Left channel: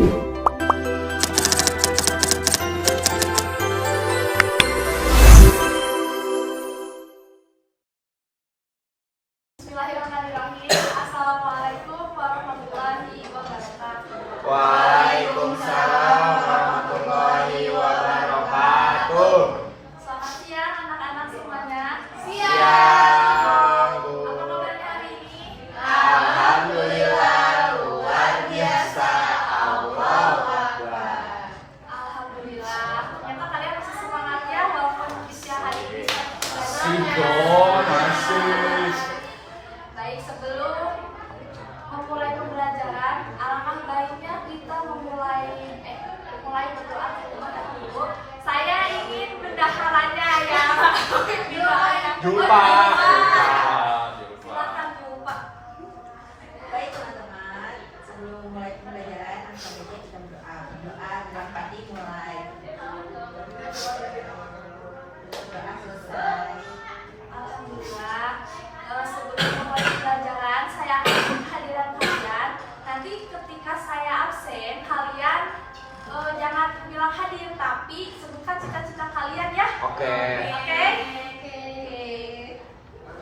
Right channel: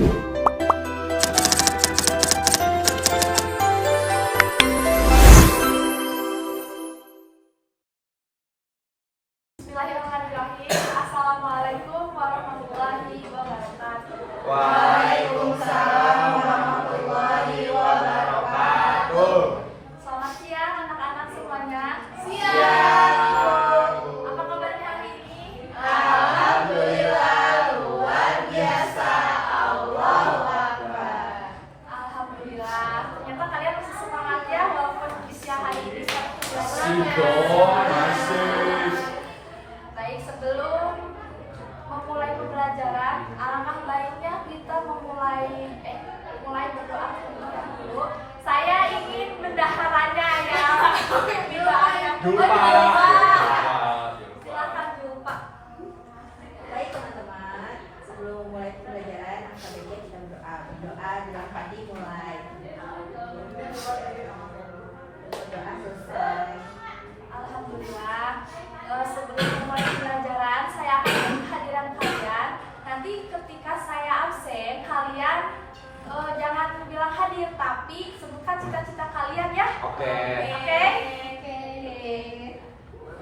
Bismillahirrahmanirrahim. Assalamualaikum warahmatullahi wabarakatuh. Waalaikumsalam warahmatullahi wabarakatuh. Selamat siang anak-anak semuanya. Siang. Apa kabarnya hari ini? Alhamdulillah luar biasa. Allahu Akbar. Alhamdulillah. Ternyata kalian masih semangat ya walaupun di siang hari ini Masih. Baik, sebelum memulai pembelajaran, alangkah baiknya kita memulai berdoa terlebih dahulu. Saya ingin mendaharannya ya. Jumpa. Silakan jumpa. Baik teman-teman, sebelum mulai pembelajaran, angkat meja kita berdoa. Berdoa dalam padi mulai. Berdoa selesai. Alhamdulillah. Sebelum memulai pembelajaran, saya akan kehadiran kalian. Nanti ketika saya absen, kalian jangan bilang hadir, tapi sebutkan cita-cita kalian ya. Oke. Oke?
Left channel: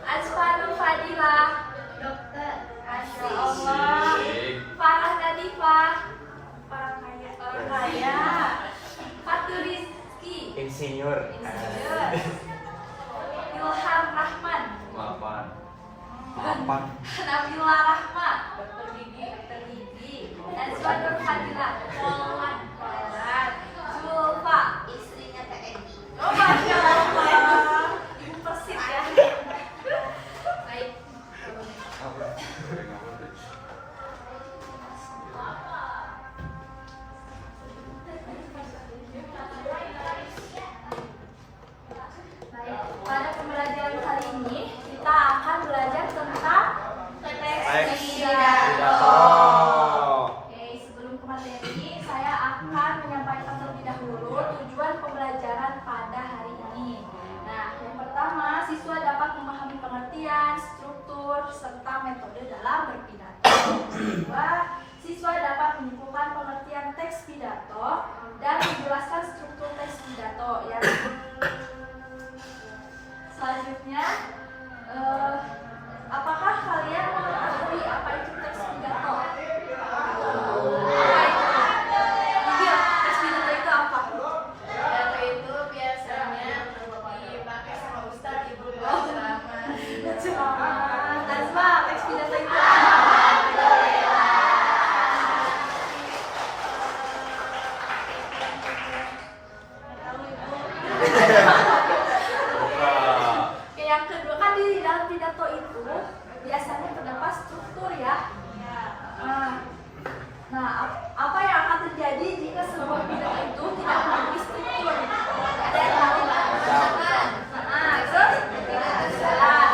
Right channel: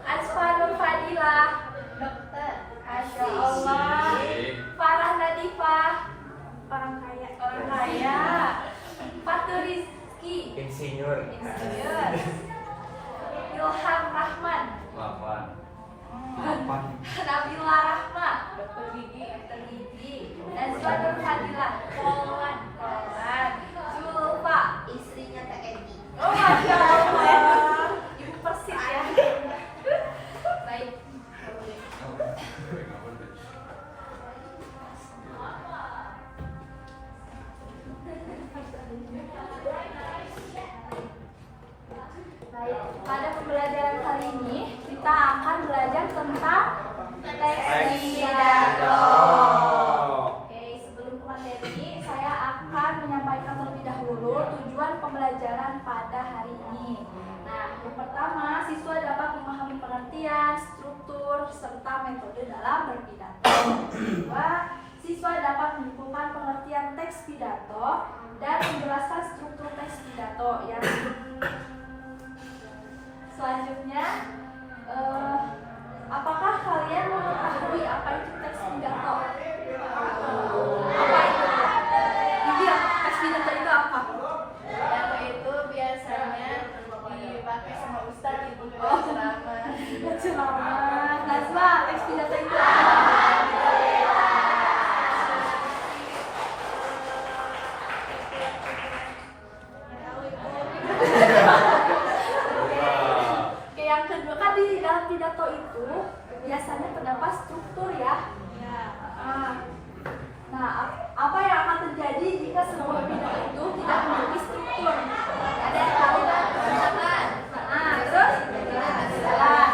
Asfanur Fadilah, Dokter. Masya Allah. Farah Nadifah, orang kaya. Fatur Rizki, Insinyur. insinyur. Ilham Rahman, Nabila Rahma, dokter gigi. Azwanur Fadilah, Polan. Zulfa, Istrinya TNI. oh Masya Allah, ibu persis ya. Baik. Baik, pada pembelajaran kali ini kita akan belajar tentang teks pidato. Oke, sebelum ke materi, saya akan menyampaikan terlebih dahulu tujuan pembelajaran pada hari ini. Nah, yang pertama, siswa dapat memahami pengertian, struktur, serta metode dalam berpidato. Kedua, siswa dapat menyimpulkan pengertian teks pidato dan menjelaskan struktur teks pidato. Yang selanjutnya, apakah kalian mengetahui apa itu teks pidato? Apa itu? Jadi teks pidato itu apa? Pidato itu biasanya dipakai sama ustadz ibu buat ceramah. Ceramah. Nazma, teks pidato itu apa? Oke, yang kedua kan di dalam pidato itu biasanya terdapat struktur ya. Nah, apa yang akan terjadi jika sebuah pidato itu tidak memiliki struktur? Ada yang tahu? Terus?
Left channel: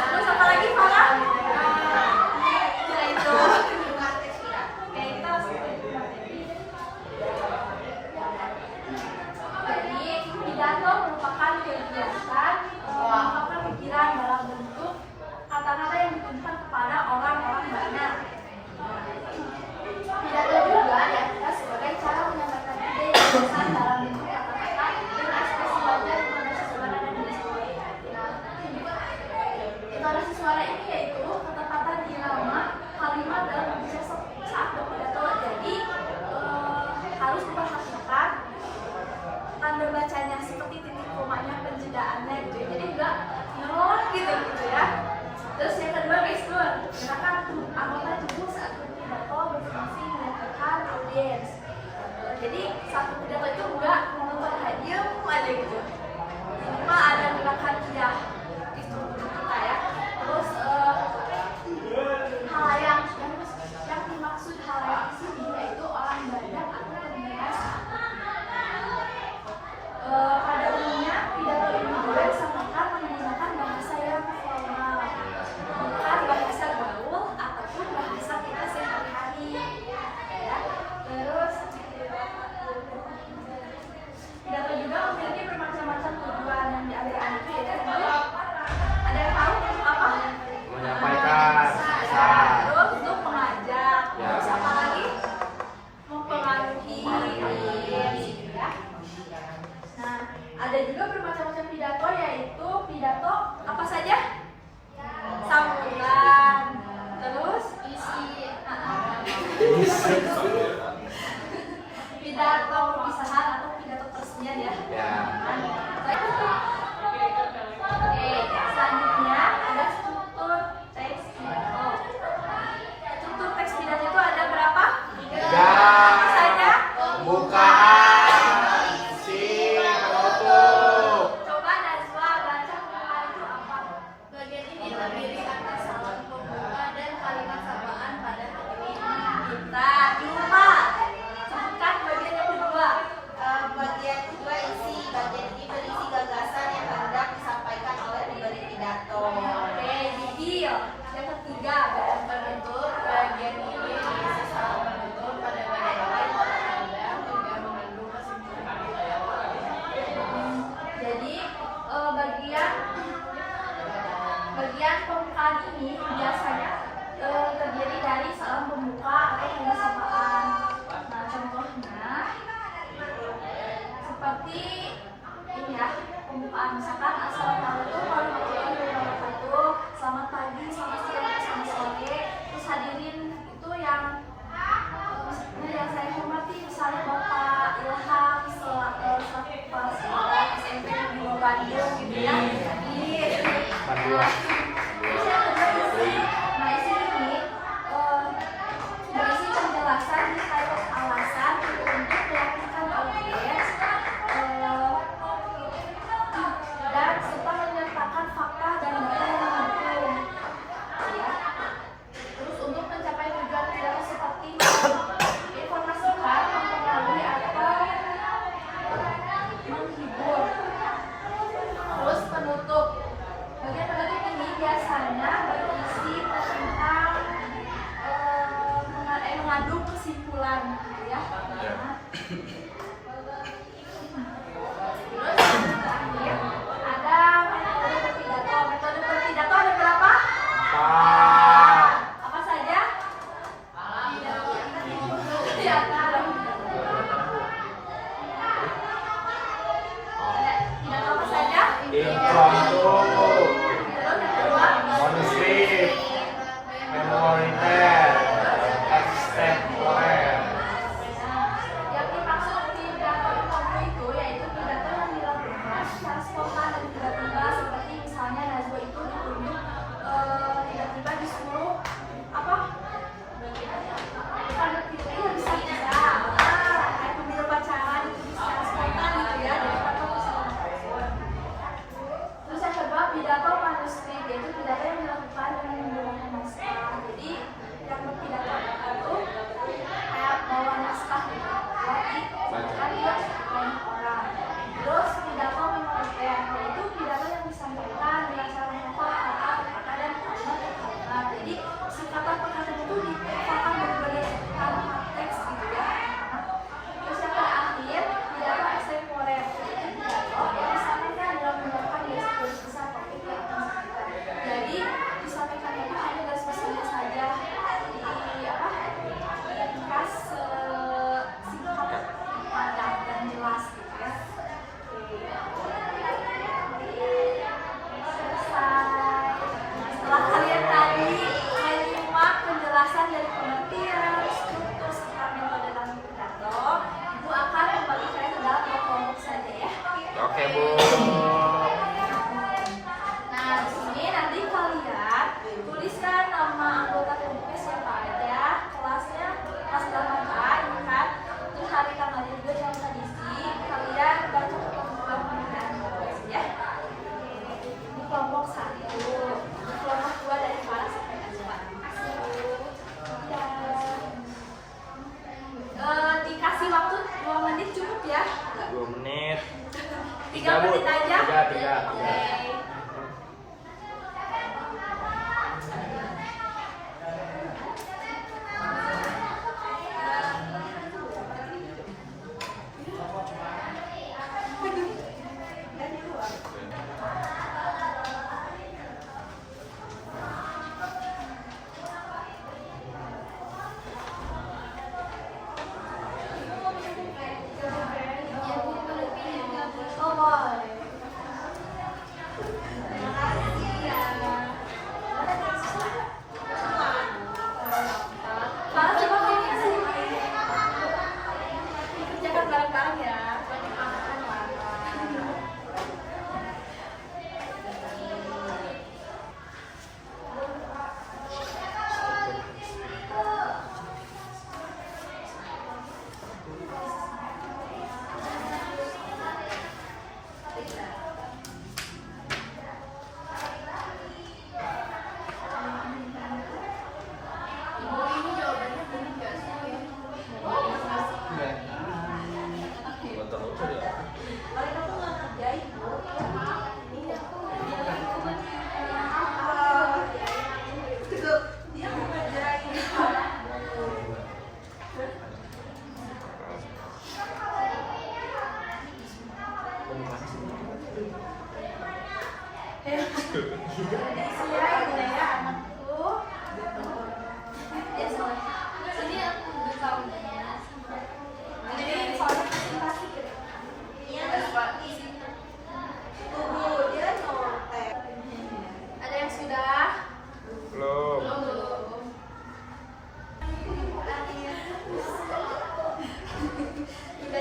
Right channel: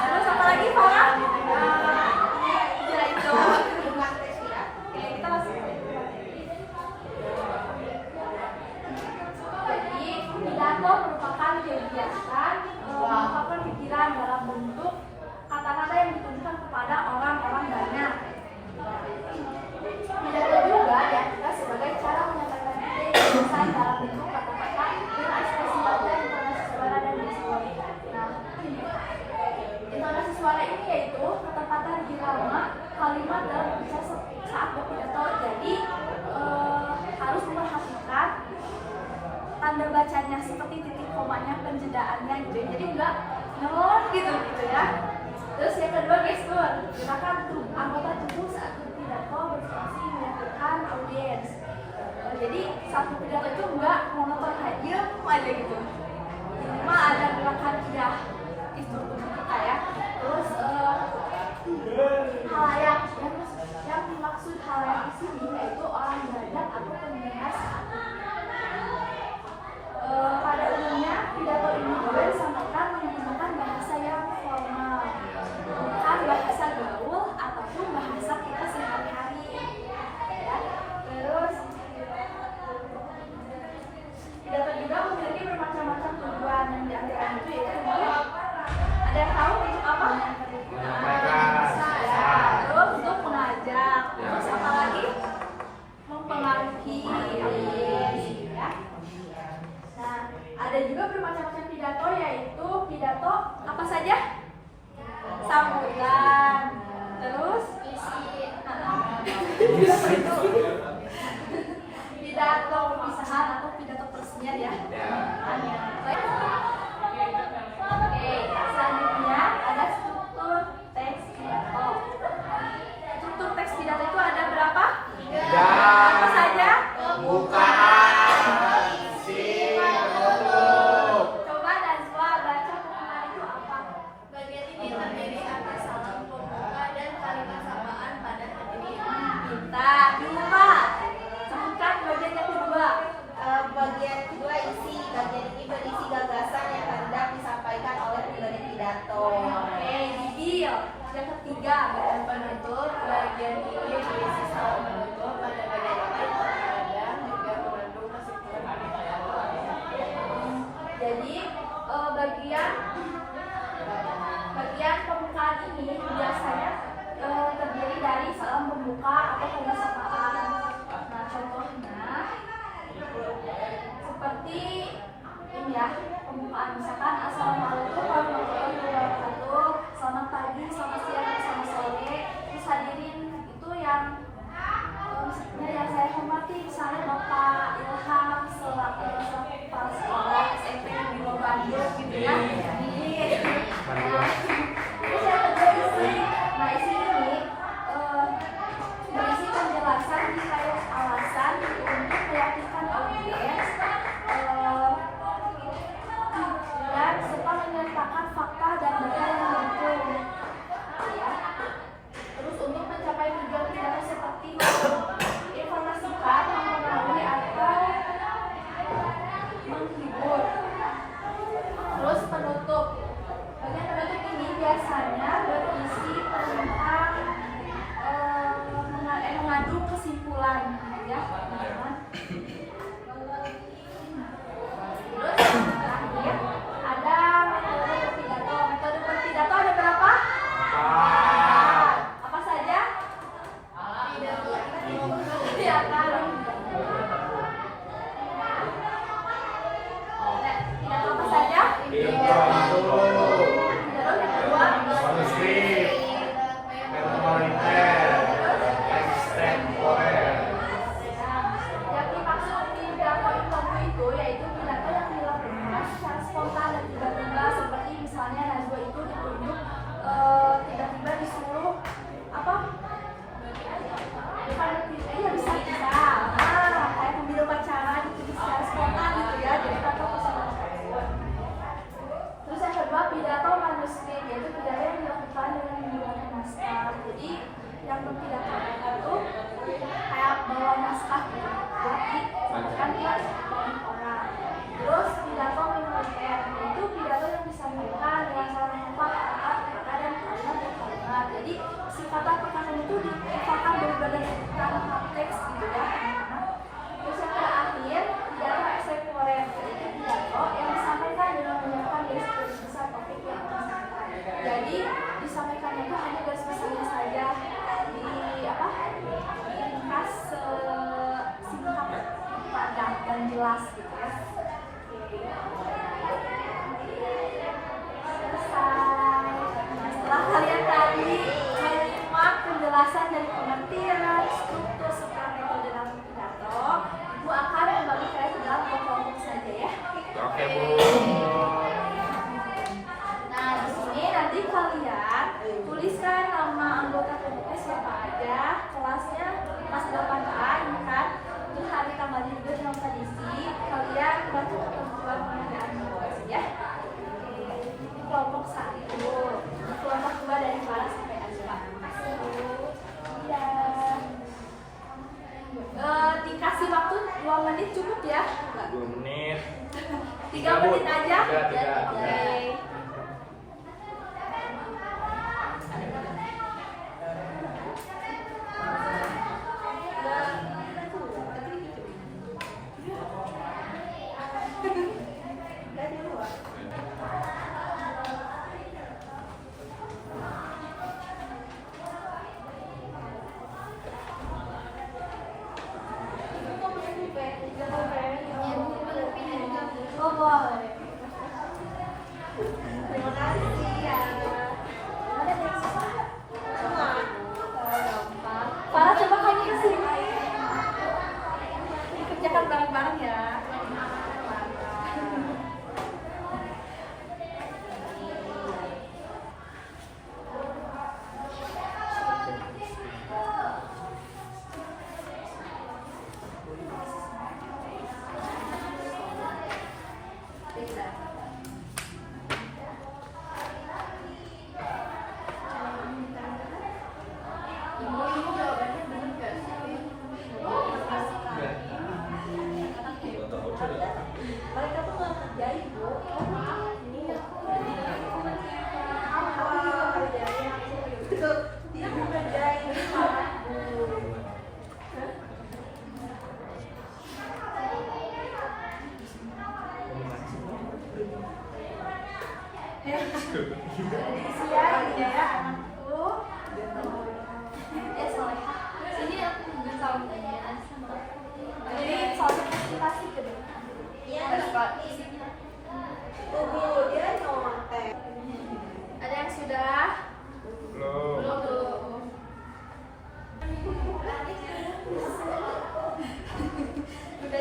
Terus apa lagi, Farah? Ya itu. Oke, kita langsung ke materi. Jadi, pidato merupakan kegiatan mengungkapkan pikiran dalam bentuk kata-kata yang ditujukan kepada orang-orang banyak. Pidato juga diartikan sebagai cara menyampaikan ide dan pesan dalam bentuk kata-kata dengan ekspresi baku, intonasi suara dan gestur. Nah, intonasi suara ini yaitu ketepatan irama kalimat dalam berbicara saat berpidato. Jadi harus memperhatikan tanda bacanya seperti titik komanya, penjedaannya gitu. Jadi enggak nyelon gitu ya. Terus yang kedua, gestur. Gunakan anggota tubuh saat berpidato berfungsi menyatukan audiens. Jadi satu pidato itu enggak monoton aja gitu. Minimal ada gerakan tidak itu kita ya. Terus halayak yang dimaksud halayak di sini yaitu orang banyak atau pendengar satu. Pada umumnya pidato ini juga disampaikan menggunakan bahasa yang formal, bukan bahasa gaul ataupun bahasa kita sehari-hari. Ya. Terus pidato juga memiliki bermacam-macam tujuan yang diantaranya itu yaitu ada yang tahu untuk apa? Pidato perpisahan atau pidato peresmian ya. Ya. Oke, selanjutnya ada struktur teks pidato. Struktur teks pidato itu ada berapa? 3. Apa saja? Pembukaan, isi, penutup. Coba Najwa baca pembukaan itu apa? Bagian ini terdiri atas salam pembuka dan kalimat sapaan pada hari ini. Kita dua. Sebutkan bagian yang kedua. Bagian kedua isi. Bagian ini berisi gagasan yang hendak disampaikan oleh pemberi pidato. Oke, Didi. Yang ketiga, Dan penutup bagian ini diisi salam penutup pada bagian lain terkadang juga mengandung kesimpulan. jadi bagian pembukaan ini biasanya terdiri dari salam pembuka atau penyelesaian. Nah, contohnya seperti ini ya, pembukaan misalkan assalamualaikum warahmatullahi wabarakatuh, selamat pagi, selamat siang, selamat sore. Terus hadirin itu yang maksudnya yang saya hormati, misalnya Bapak Ilham selaku kepala sekolah SMP di Bandung gitu ya. Nah, terus yang kedua isi. Nah, isi ini berisi penjelasan detail alasan untuk meyakinkan audiens dan serta menyertakan fakta dan data yang mendukung. Ya. Terus untuk mencapai tujuan pidato seperti informasikan, mempengaruhi atau menghibur. Terus penutup. Bagian penutup ini biasanya berisi tentang mengandung kesimpulan, ya. Nah. Terus terakhir ada metode berpidato. Metode berpidato ada berapa? Apa saja? Pidato. Pidato apa saja? Intro, Terus yang kedua, konsep, prioritas, ekstempore. yang dimaksud pidato impromptu itu yaitu pidato yang dilakukan secara spontan dan tiba-tiba, seperti misalnya Najwa itu ditunjuk tiba-tiba disuruh apa? Bukan iya bisa kayak pembimbing upacara ditulis secara spontan gitu ya, jadi tanpa persiapan apapun. Terus yang kedua pidato manuskrip, yaitu pidato yang dilakukan dengan menggunakan naskah. Jadi yang berpidato itu kayak bawa naskah gitu buat disampaikan ke banyak orang. Terus pidato minoriter, yaitu pidato yang disampaikan dengan cara menghafal kata-kata dan kalimat per kalimat. Jadi singkatan perkataan itu dipakai berdasarkan teks gitu ya. Terus yang terakhir pidato ekstempore, yaitu pidato yang disampaikan dalam menggunakan garis besar topik yang akan disampaikan. Jadi disampaikannya itu hanya garis besarnya saja, ringkas, singkat, padat dan jelas gitu ya. Selesai. Nah, setelah kalian tadi menyimak penjelasan dari pengertian, struktur serta metode dalam pidato, Ibu akan membagi kalian ke dalam kelompok saja ya. Oke, Bu. Nah, di sini nanti kalian tuliskan nama anggota kelompoknya siapa aja, kelasnya kelas 8A ini kan. Terus hari tanggalnya juga jangan lupa diisi. Kalian baca ketentuan pengerjaan tugas ya. Ini kelompok 1. Ini kelompok 2 dari Farah sampai Azwa. Iya. Dikasih waktu 2 menit cukup ya? 2 menit. 3 menit aja? Tiga. Oke. Oh, boleh.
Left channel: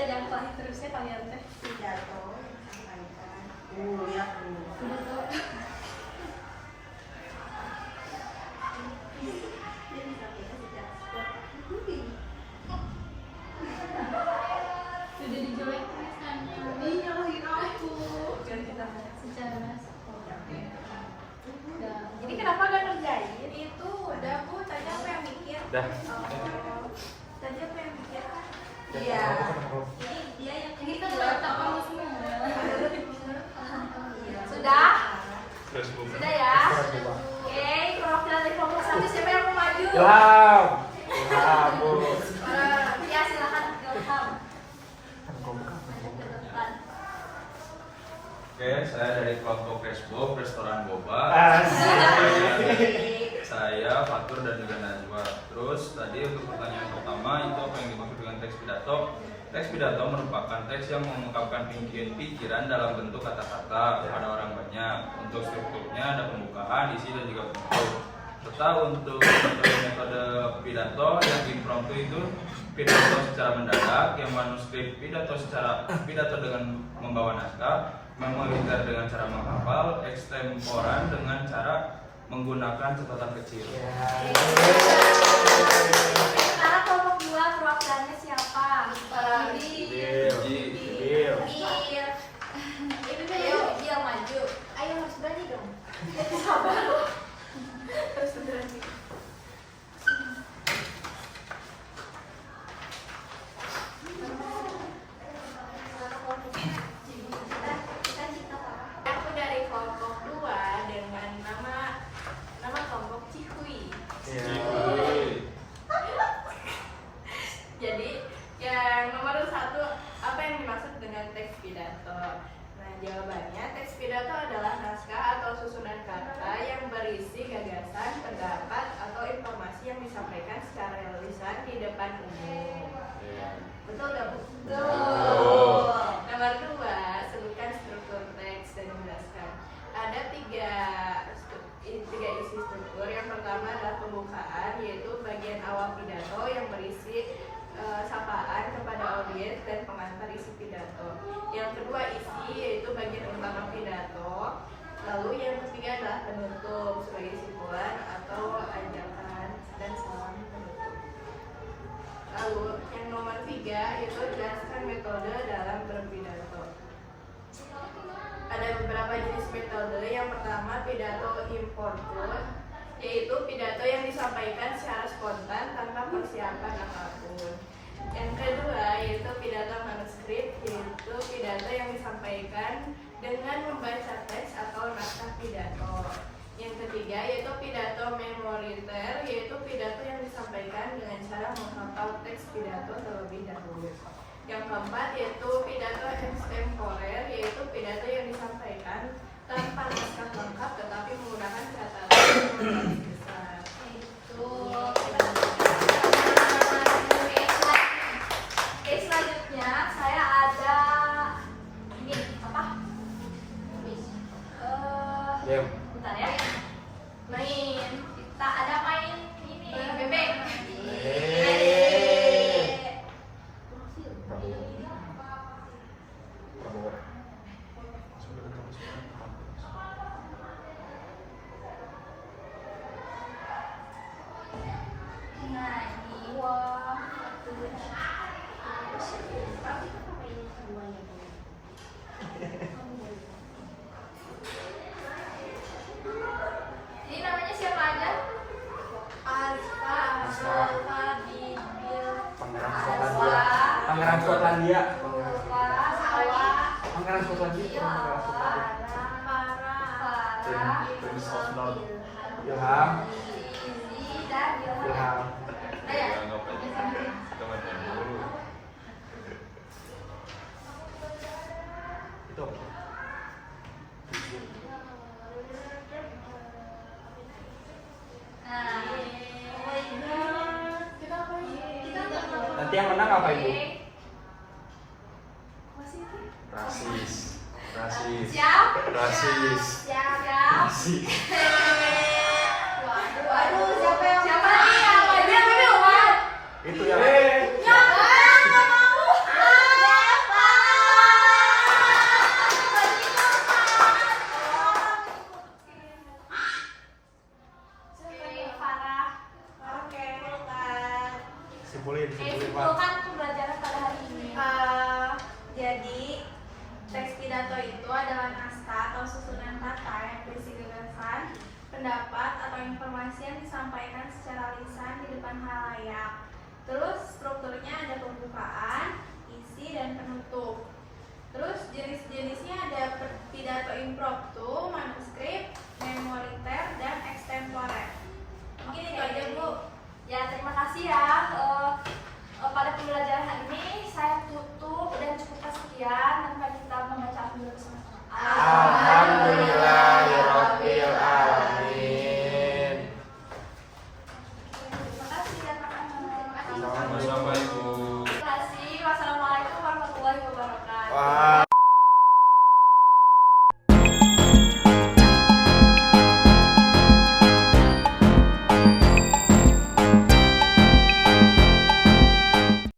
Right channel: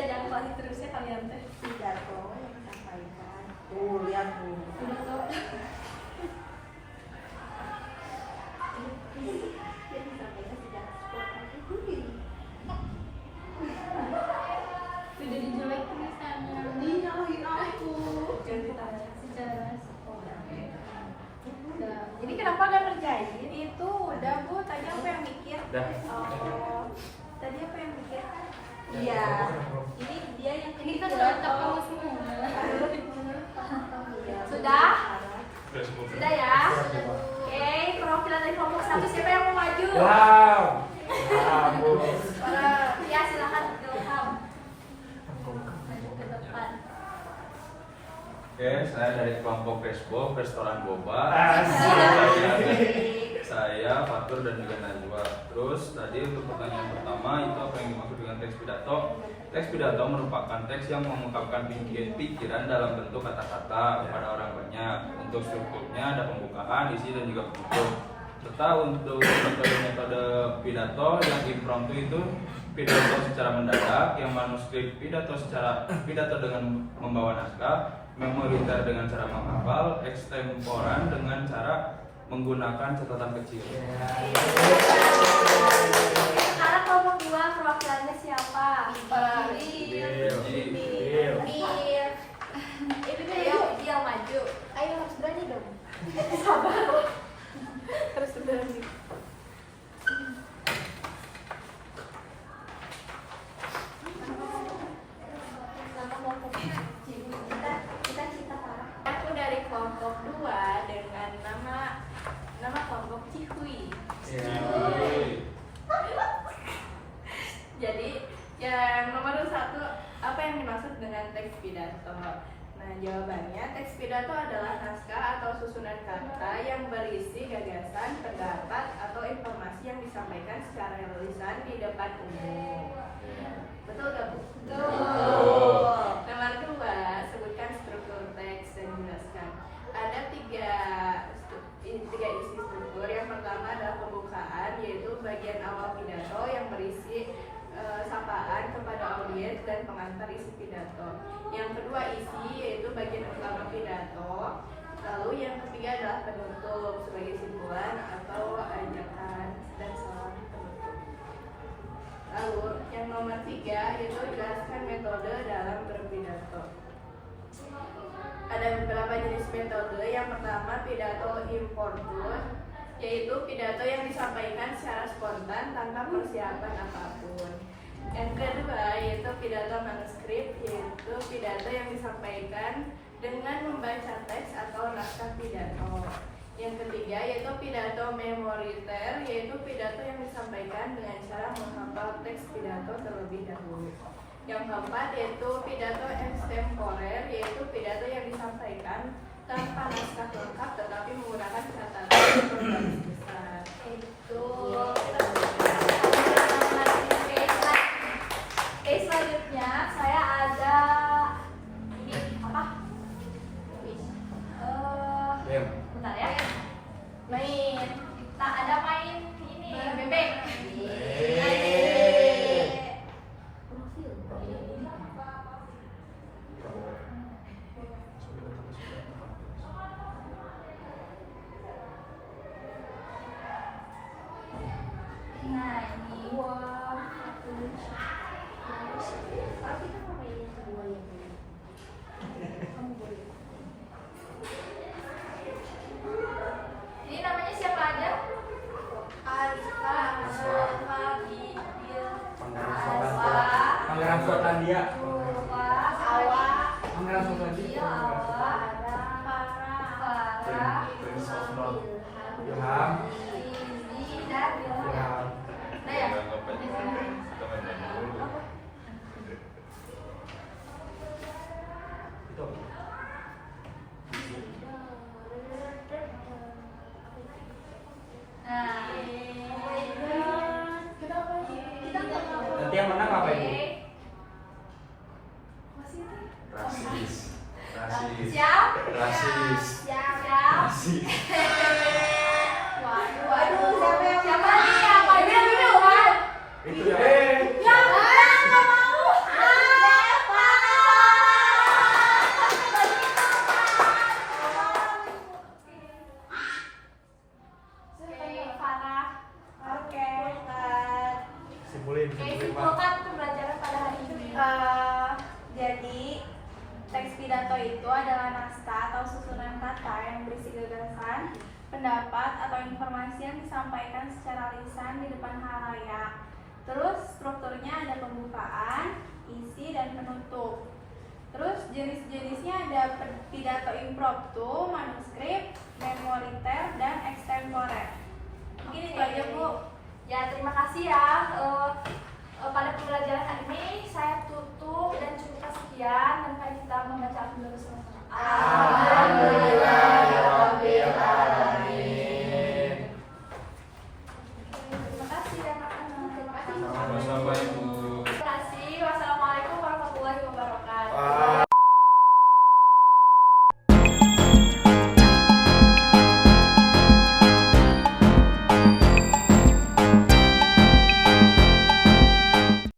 jangkauan terusnya kalian teh. pidato yang disampaikan. Lihat tuh. Jadi disampaikan secara spontan. Sudah dijelek tulisannya. Nyalahin aku. Secara spontan. Jadi kenapa gak ngerjain? Itu udah Bu, tadi apa yang mikir? Dah. Oh, tadi apa yang mikir? Iya. Ini dia yang Ini kan mikir. udah kamu semua. Iya. Sudah? Sudah semua. Sudah ya? Oke, perwakilan dari kelompok 1 siapa yang mau maju? Ilham. Ilham, Bu. Ya silakan Ilham. Maju ke depan. Oke, saya dari kelompok Facebook Restoran Boba. Asik. Saya Fatur dan juga Najwa. Terus tadi untuk pertanyaan pertama itu apa yang dimaksud dengan teks pidato? Teks pidato merupakan teks yang mengungkapkan pikiran dalam bentuk kata-kata kepada orang banyak. Untuk strukturnya ada pembukaan, isi dan juga penutup. Serta untuk metode pidato yang impromptu itu pidato secara mendadak, yang manuskrip pidato dengan membawa naskah, memoriter dengan cara menghafal, ekstemporan dengan cara menggunakan catatan kecil. Sekarang kelompok 2 perwakilannya siapa? Jadi, Bil. Ayo, dia maju. Ayo harus berani dong. Sabar. Terus berani. Aku dari kelompok 2 dengan nama kelompok Cihui. Jadi yang nomor 1, apa yang dimaksud dengan teks pidato? Nah, jawabannya teks pidato adalah naskah atau susunan kata yang berisi gagasan, pendapat, atau informasi yang disampaikan secara lisan di depan umum. Betul gak, Bu? Betul. Nomor 2, sebutkan struktur teks dan jelaskan. Ada tiga isi struktur. Yang pertama adalah pembukaan, yaitu bagian awal pidato yang berisi sapaan kepada audiens dan pengantar isi pidato. Yang kedua isi, yaitu bagian utama pidato. Lalu yang ketiga adalah penutup sebagai simpulan atau ajakan dan salam penutup. Lalu yang nomor 3 yaitu jelaskan metode dalam berpidato. Ada beberapa jenis metode. Yang pertama pidato impromptu, yaitu pidato yang disampaikan secara spontan tanpa persiapan apapun. Yang kedua yaitu pidato manuskrip, yaitu pidato yang disampaikan dengan membaca teks atau naskah pidato. Yang ketiga yaitu pidato memoriter, yaitu pidato yang disampaikan dengan cara menghafal teks pidato terlebih dahulu. Yang keempat yaitu pidato extemporer, yaitu pidato yang disampaikan tanpa naskah lengkap tetapi menggunakan catatan atau garis besar. Itu. Oke, selanjutnya saya ada ini apa? Bentar ya. Main. Kita ada main ini bebek. Nah, ini ini namanya siapa aja? Azfa, Bibil, Azwa, Pangeran Skotlandia. Sawa, Pangeran Skotlandia. Farah, Ilham. Izzy, dan Ilham. Ilham. Nah ya. Itu. Nah, Nanti yang menang apa, Ibu? rasis. Siap? Rasis. Siap. Rasis. Waduh, siapa nih yang maju? Bebe Umar. Itu ya. Ya, nggak mau. Kayak simpulkan pembelajaran pada hari ini. Jadi teks pidato itu adalah naskah atau susunan kata yang berisi gagasan, pendapat atau informasi yang disampaikan secara lisan di depan halayak. Terus strukturnya ada pembukaan, isi, dan penutup. Terus jenis-jenisnya ada pidato impromptu, manuskrip, memoriter, dan extempore. Mungkin itu aja Bu. Ya, terima kasih ya. Pada pembelajaran hari ini saya tutup dan cukup sekian, dan mari kita membaca dulu sama-sama. Alhamdulillah.